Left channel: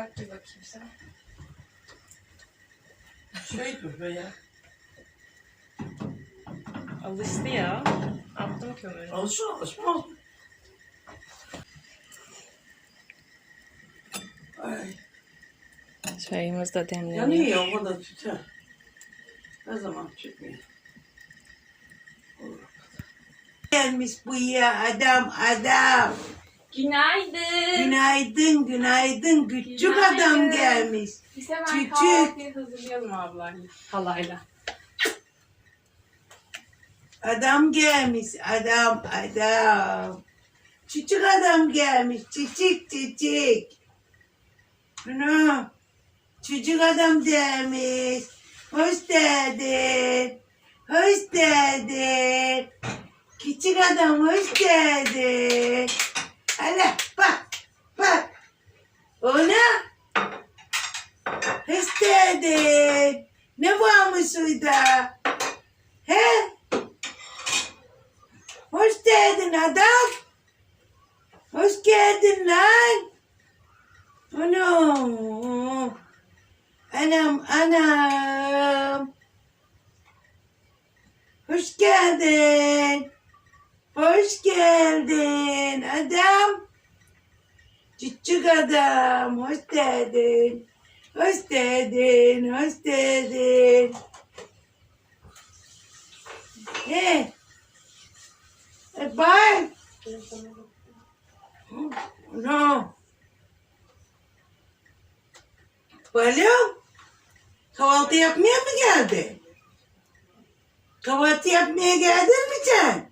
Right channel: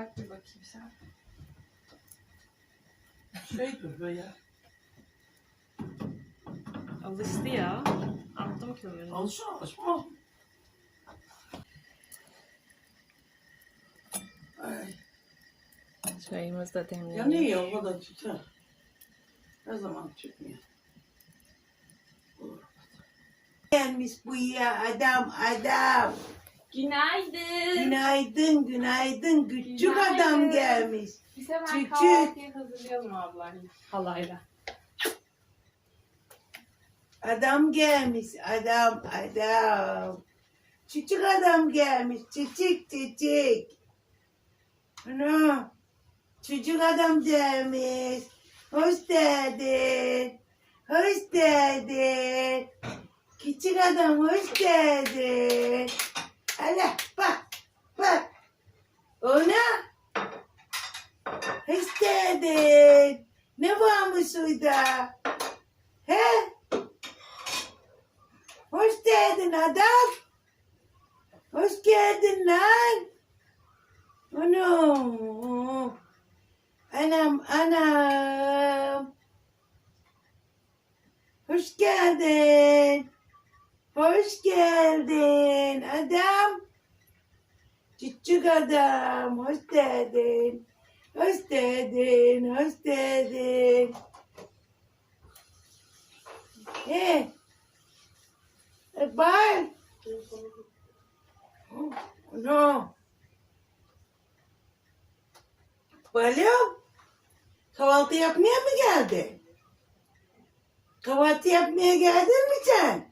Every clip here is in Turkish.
Bak bir bakayım sen. Şey duruyor ya. Alıştı ya. Attım kömürü. Alışır alışmaz. Ay. Çayımız da demleniyor. Yanıyor ya o da tüter. Her zaman çıkmıyor. Gelmiş bu ya adam adam. Günaydın. Günaydın günaydın küçük Günaydın. adam gelmiş. Biz hemen Küçük. kahvaltıyı hazırlayalım ablayla. Halayla. Adam gelmiş adam adam. Küçük adam gelmiş çiçek çiçek. Ana çocuk adam gelmiş. Hoş geldin. Hoş geldin. Küçük adam hoş geldin. Hala bak bak. Ona. Geldin. Ne varmış orada? He? Hoş geldin adam. Hoş geldin lan. Anam. Anam anam. Hoş geldin. Hoş geldin adam. Küçük adam. Hoş geldin. Hoş geldin. Hoş geldin. He. E, bye. No. Balım. Kahvaltı yapmaya mı geldin? Kahvaltı yapmaya geldin mi sen?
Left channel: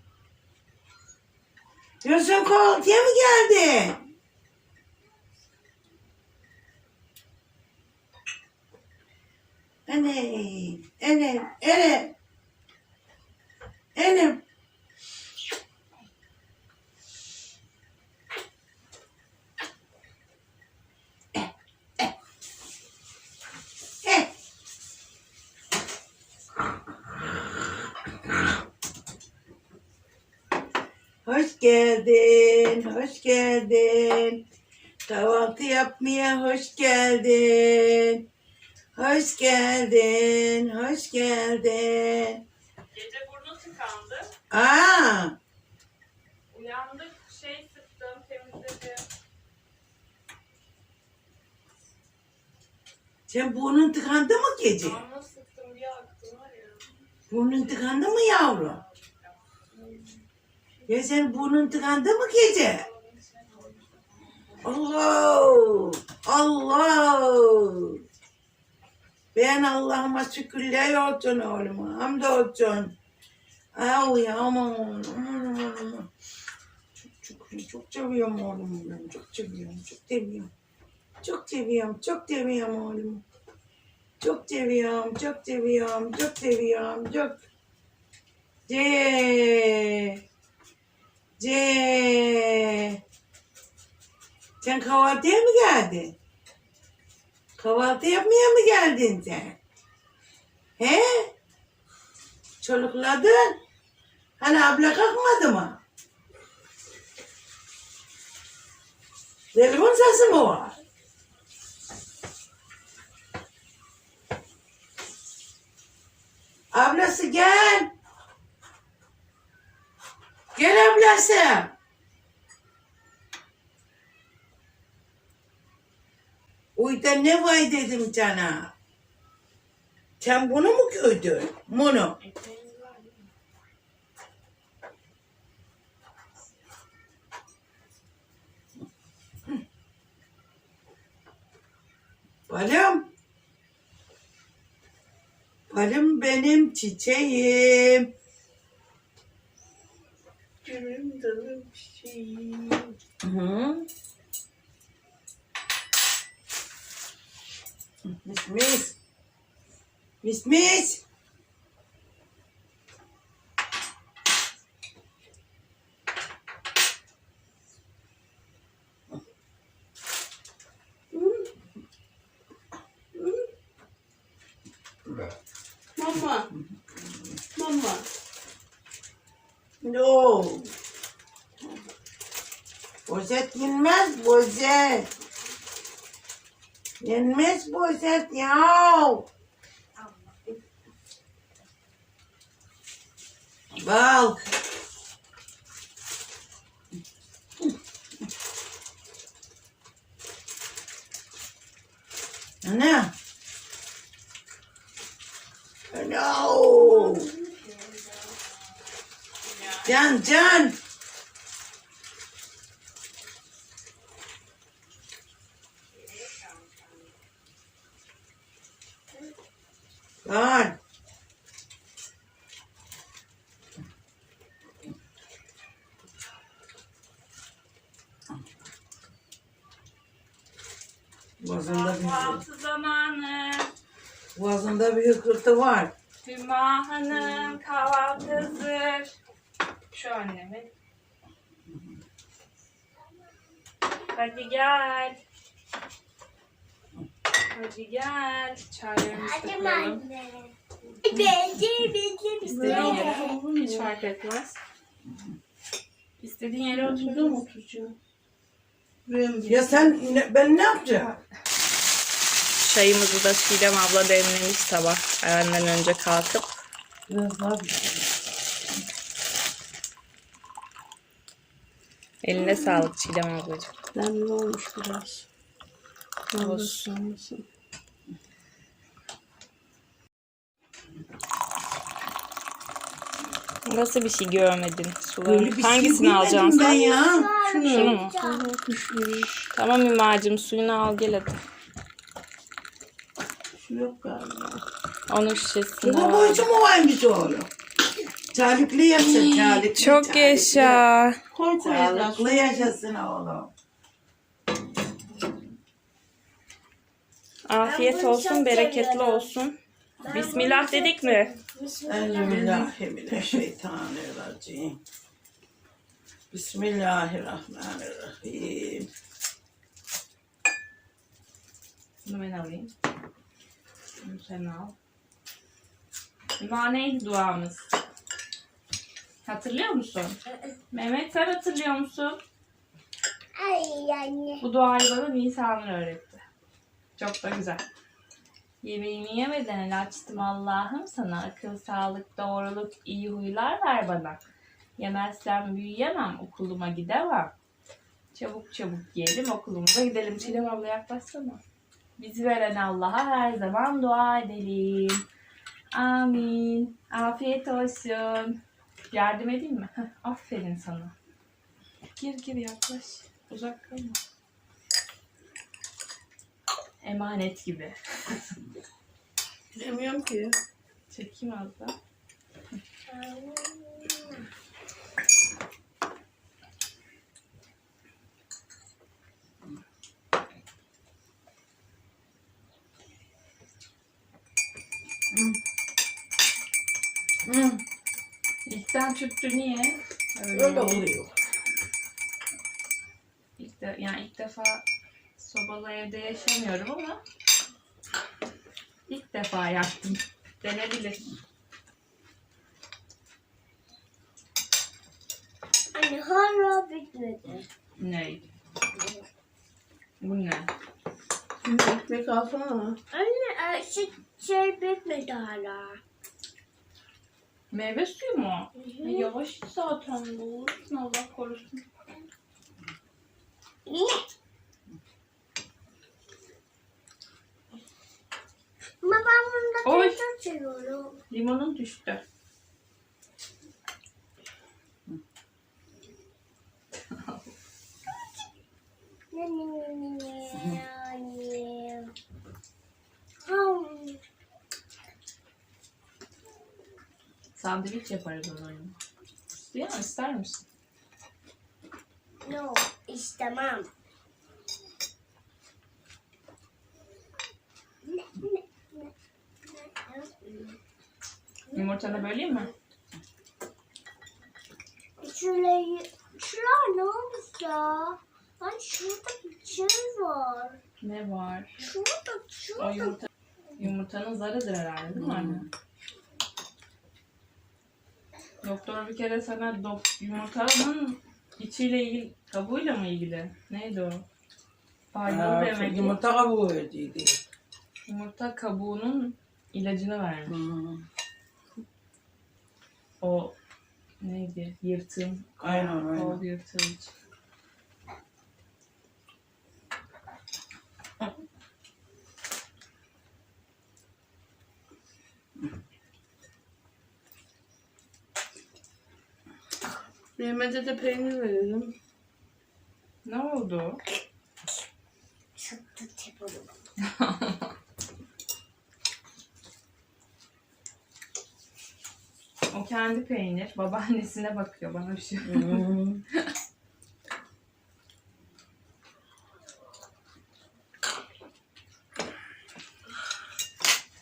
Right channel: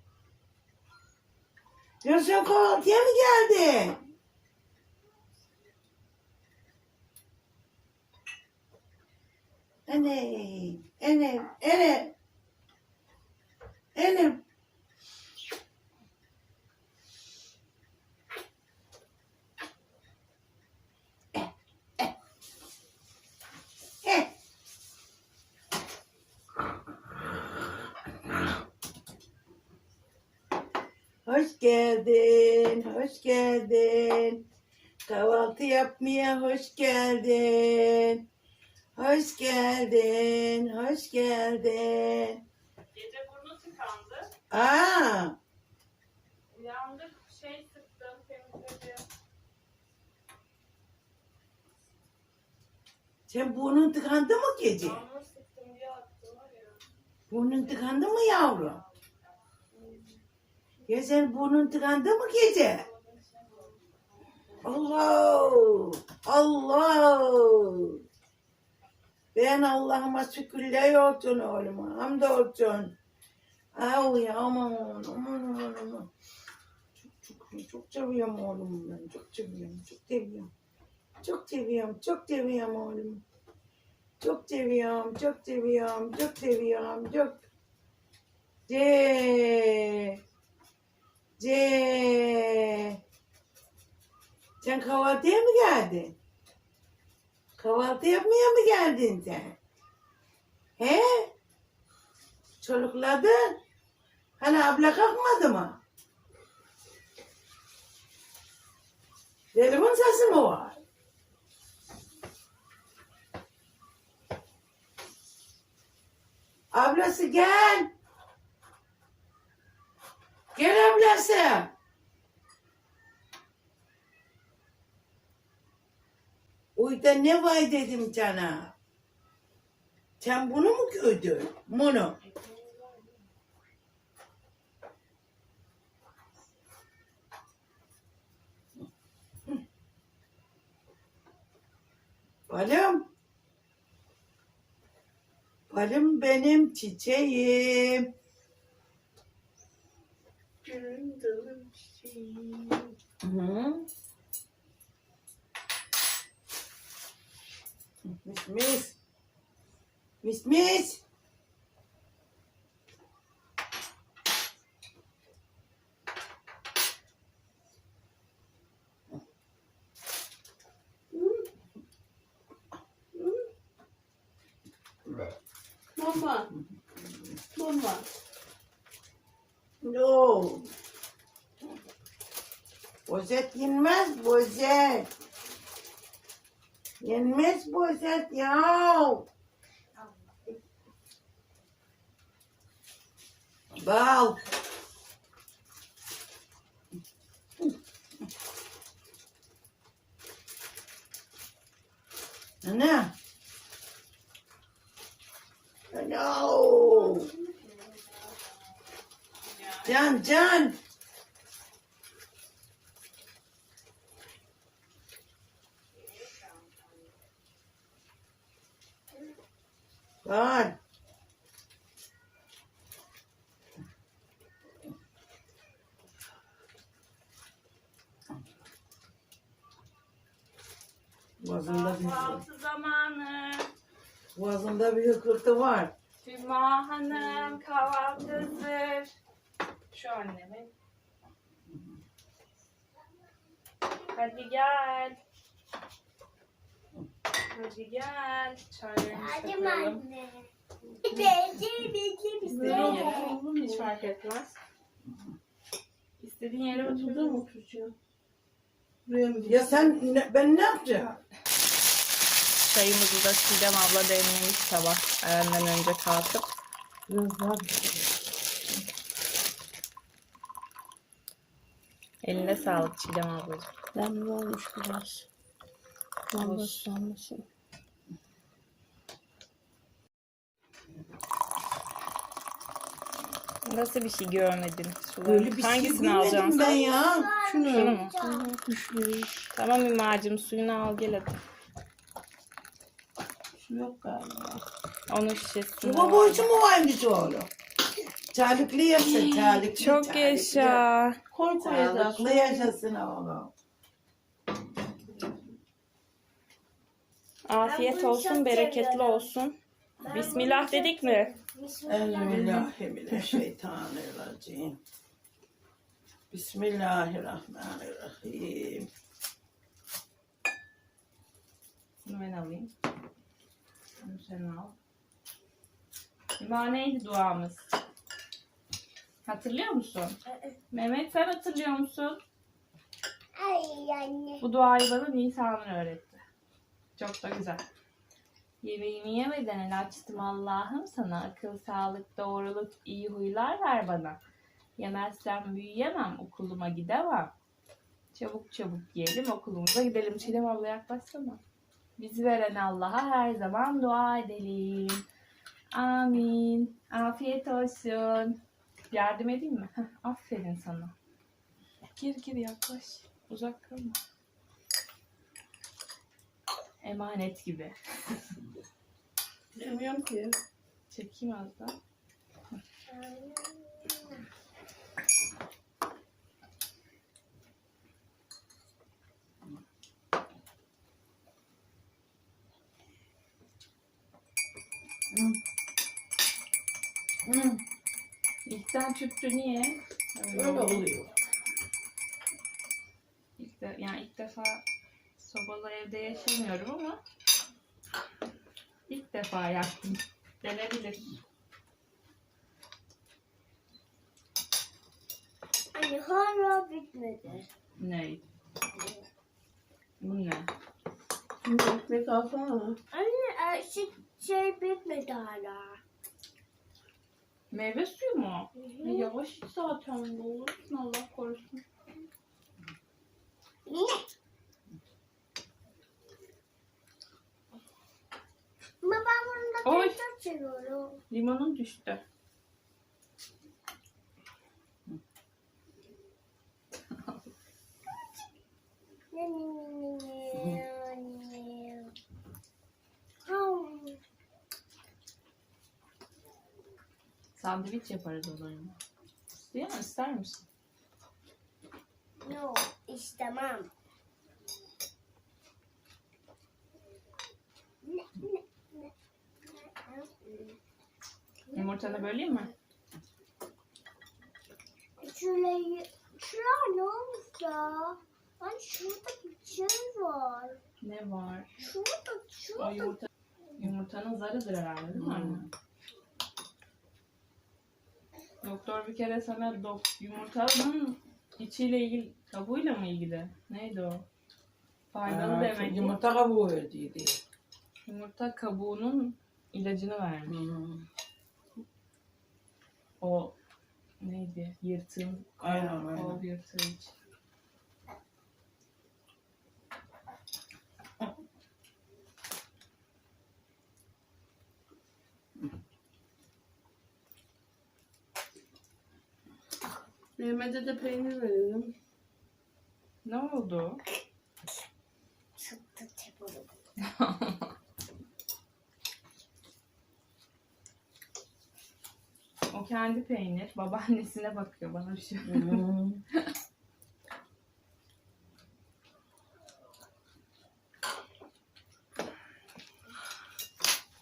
Yoksa kahvaltıya mı geldin? Anne, anne, anne. Annem. Hoş geldin, hoş geldin. Kahvaltı yapmaya hoş geldin. Hoş geldin, hoş geldin. Gece burnu tıkandı. Aa, Uyandık, şey sıktım, temizledim. sen burnun tıkandı mı gece? Damla sıktım, bir aktı var ya. Burnun tıkandı mı yavrum? Ya sen burnun tıkandı mı gece? Allah! Allah! Ben Allah'ıma şükürler olsun oğluma. Hamdolsun. Au ya aman oğlum. Aman aman aman. Çok çok çok seviyorum oğlumu ben. Çok seviyorum. Çok seviyorum. Çok seviyorum. Çok seviyorum oğlumu. Çok seviyorum. Çok seviyorum. Çok seviyorum. Çok. C. C. Sen kahvaltıya mı geldin? Kahvaltı yapmaya mı geldin sen? He? Çolukladın. Hani abla kalkmadı mı? Telefon sesi mi var? Ablası gel. Gel ablası. Uyda ne var dedim sana. Sen bunu mu gördün? Bunu. Balım. Balım benim çiçeğim. Gülüm dalım çiçeğim. Hı. Mis mis. Mis mis. Mama. Mama. No. Bozet yenmez, bozet. Yenmez poşet ya. Bal. Ana. No. Can. Can. Boğazında bir, Kahvaltı zamanı. boğazında bir hıkırtı var. Hüma Hanım kahvaltı hazır. Şu annemin. Hadi gel. Hadi gel. Çaylarımızı da koyalım. İstediğin yere. Hiç fark etmez. İstediğin yere oturdum oturacağım. Ya sen ne- ben ne yapacağım? Çayımızı da Çiğdem abla demlemiş sabah. Benden önce kalkıp. Biraz daha Eline sağlık Çiğdem ablacığım. Demli olmuş biraz. Olsun. Olmasın. Nasıl bir şey görmedin Sular? Öyle bir şey Hangisini bilmedim alacaksın ben ya. Şunu mu? Tamam Hümacığım suyunu al gel hadi. Şu yok galiba. Onun şişesini Baba al. boyucu mu varmış oğlum? Çarıklı yaşa, çarıklı. Çok çarıklı. yaşa. Koy koyacağız. Sağlıklı yaşasın oğlum. Afiyet olsun, bereketli olsun. Bismillah dedik mi? Euzubillahimineşşeytanirracim. Bismillahirrahmanirrahim. Bunu ben alayım. Bunu sen al. Hüma neydi duamız? Hatırlıyor musun? Mehmet sen hatırlıyor musun? Ay anne. Bu duayı bana Nisanur öğretti. Çok da güzel. Yemeğimi yemeden el açtım Allah'ım sana. Akıl, sağlık, doğruluk, iyi huylar ver bana. Yemezsem büyüyemem, okuluma gidemem. Çabuk çabuk yiyelim, okulumuza gidelim. Çiğdem abla yaklaşsana. Bizi veren Allah'a her zaman dua edelim. Amin. Afiyet olsun. Yardım edeyim mi? Heh, aferin sana. Gir gir yaklaş. Uzak kalma. Emanet gibi. Bilmiyorum ki. Çekeyim az da. Hı, Tüttü niye? Öyle, öyle oluyor. İlk de, yani ilk defa sobalı evde yaşamıyorum ama ilk defa yaktım. Denebilir. Anne hala bitmedi. Ne? Bu ne? Şimdi ekmek alsana. Anne e, şu şey bitmedi hala. Meyve suyu mu? Hı E, yavaş iç zaten boğulursun Allah korusun. Niye? Ama ben bunda Oy. seviyorum. Limonun düştü. Ne ne ne ne ne ne. Hmm. Sandviç yaparız onunla. İstiyor musun? İster misin? No, istemem. Yumurtanı böleyim mi? Şurayı, şuralar ne olmuş ya? Hani şurada bir şey var. Ne var? Şurada, O şurada. yumurta, yumurtanın zarıdır herhalde değil mi anne? Doktor bir kere sana dok- yumurtanın içiyle ilgili, kabuğuyla mı ilgili? Neydi o? Faydalı Ha, demek ki. Yumurta kabuğu verdiydi. Yumurta kabuğunun ilacını vermiş. Hmm. O neydi? Yırtığın. Aynen, aynen. Kol yırtığı için. Mehmet'e de peynir verelim. Ne oldu? Çıktı tepulum. O kendi peynir. Babaannesine bakıyor bana bir şey. Hmm.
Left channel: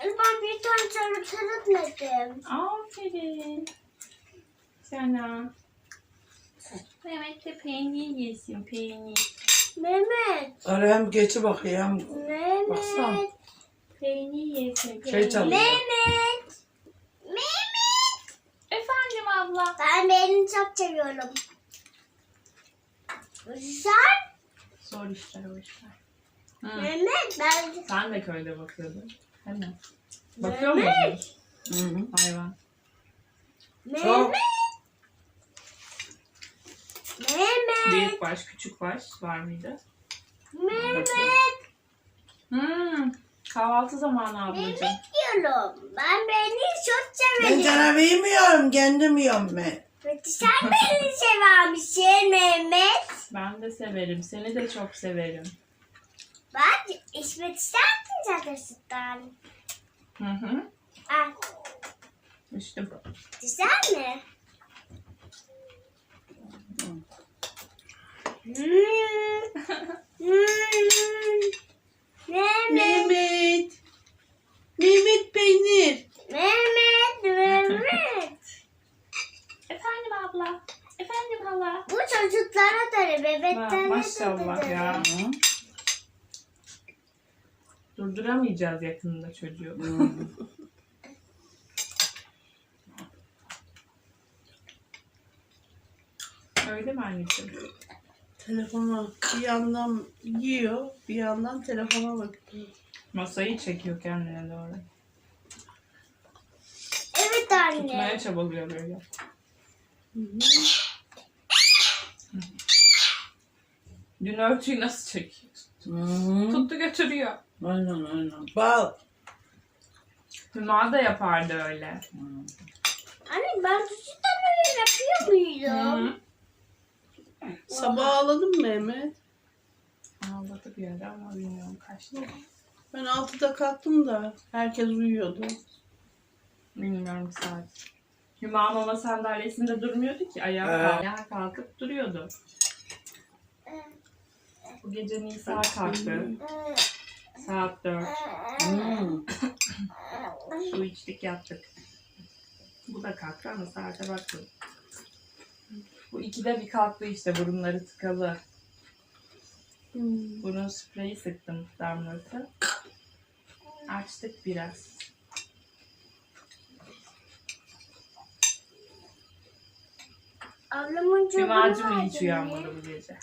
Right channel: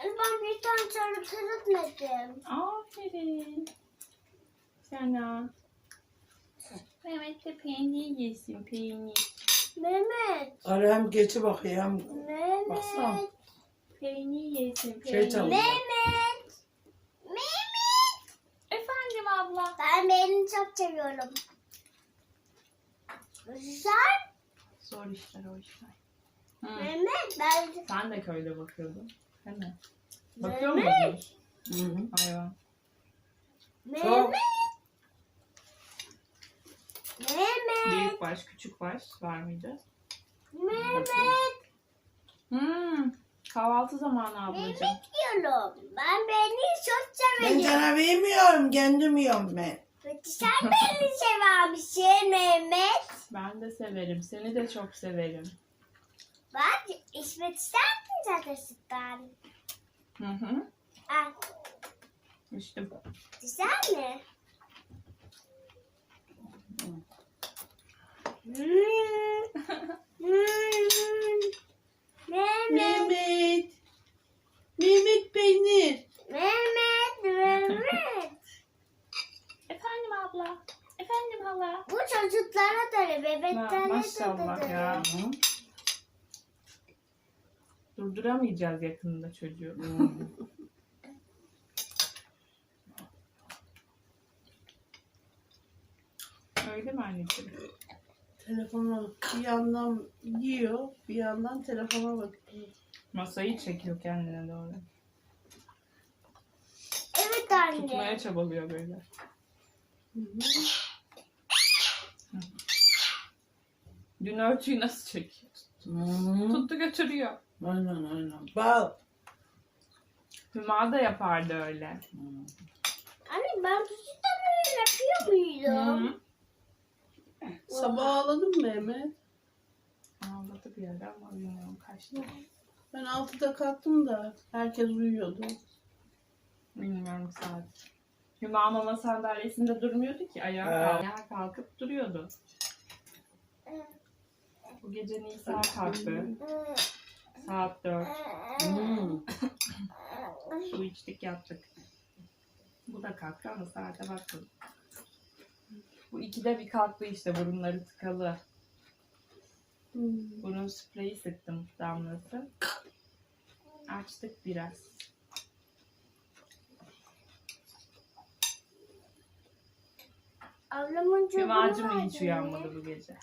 Ben bir tane sarıtmadım. Aferin. Sana. Mehmet de peynir yesin peynir. Mehmet. Arayam geçi bakayım. Baksana. Mehmet. Peynir yesin peynir. Şey çalıyor. Mehmet. Mehmet. Efendim abla. Ben beni çok seviyorum. Sen Zor işler o işler. Mehmet ben Sen de köyde bakıyordun. Değil mi? Bakıyor Mehmet. musunuz Hı hı. hayvan? Çok. Mehmet. Mehmet. Büyük baş, küçük baş var mıydı? Mehmet Hmm, kahvaltı zamanı ablacığım. diyorum. Ben beni çok Ben severim. sana vermiyorum, kendim yiyorum ben. Peki sen beni severmişsin Mehmet. Ben de severim. Seni de çok severim. Bak içmek ister misin zaten sütten? Hı hı. Al. İşte bu. Güzel mi? Hmm. Hmm. Mehmet. Mehmet. Mehmet peynir. Mehmet. Mehmet. Efendim abla. Efendim hala. Bu çocuklara da Ma- bebeklere maşallah de ya. Durduramayacağız yakında çocuğu. Hı. Öyle mi anneciğim? Telefona bir yandan yiyor, bir yandan telefona bakıyor. Masayı çekiyor kendine doğru. Evet anne. Tutmaya çabalıyor böyle. Hı hı. Dün örtüyü nasıl çekiyor? Tuttu götürüyor. Aynen aynen. Bal. Hüma da yapardı öyle. Hı. Anne ben çocuktan öyle yapıyor muydum? Hı. Sabah ağladın mı Mehmet? Ağladı bir ara ama bilmiyorum kaçtı. Ben 6'da kalktım da herkes uyuyordu. Bilmiyorum saat. Hüma mama sandalyesinde durmuyordu ki. Ayağa, Ee. kalk- ayağa kalkıp duruyordu. Bu gece Nisa kalktı. Saat 4. Hı. Su içtik yattık. Bu da kalktı ama saate baktım. Bu ikide bir kalktı işte burunları tıkalı. Hmm. Burun spreyi sıktım damlası. Açtık biraz. Ablamın çocuğu vardı hiç uyanmadı bu gece.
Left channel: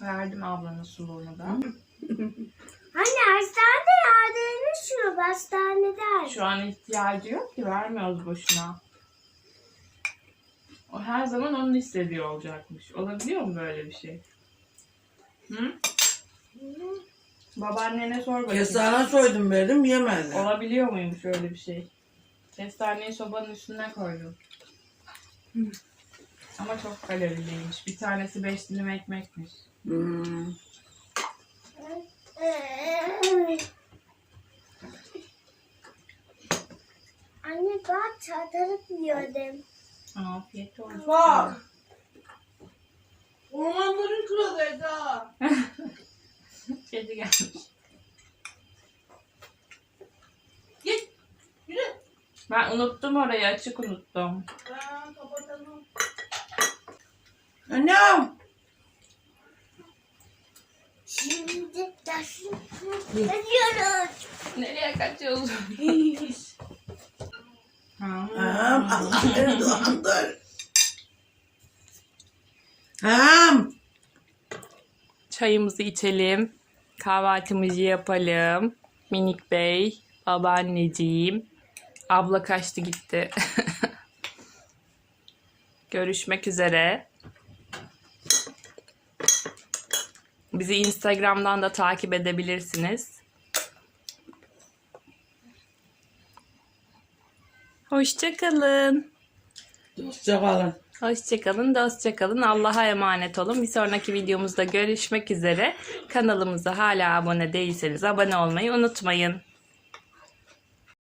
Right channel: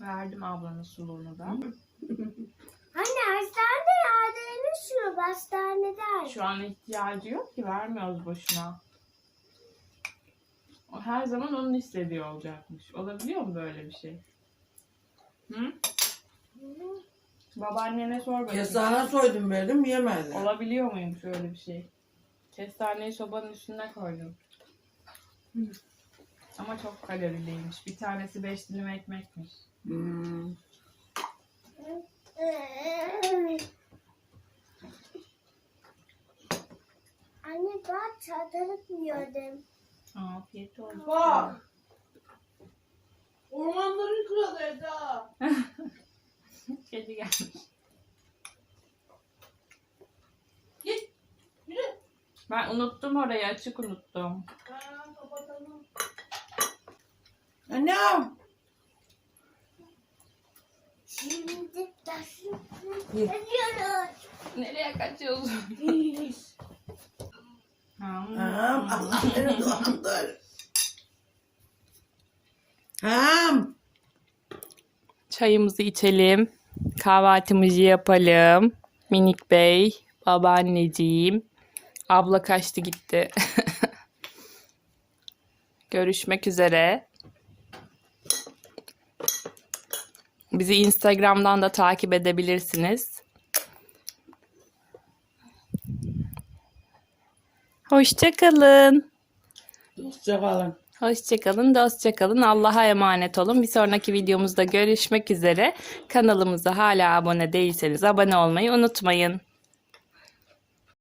Verdim ablanın suluğunu da. Yardımını şu an ihtiyacı yok ki vermiyoruz boşuna. O her zaman onun istediği olacakmış. Olabiliyor mu böyle bir şey? Hı? Babaannene sor bakayım. Kestane soydum verdim yemediler. Olabiliyor muymuş öyle bir şey? Kestaneyi sobanın üstüne koydum. Hı. Ama çok kaloriliymiş. Bir tanesi beş dilim ekmekmiş. Hmm. Anne ben çadırıp yiyordum. Afiyet olsun. Bak. Ormanların kralı Eda. Kedi gelmiş. Git. Yürü. Ben unuttum orayı açık unuttum. Ha, kapatalım. Annem. Şimdi nasıl yapıyoruz? Nereye kaçıyorsun? Anam Allah beni dolandır. Tamam. Çayımızı içelim. Kahvaltımızı yapalım. Minik Bey, babaanneciğim. Abla kaçtı gitti. Görüşmek üzere. Bizi Instagram'dan da takip edebilirsiniz. Hoşçakalın. Hoşçakalın. Hoşçakalın, dostçakalın. Allah'a emanet olun. Bir sonraki videomuzda görüşmek üzere. Kanalımıza hala abone değilseniz abone olmayı unutmayın.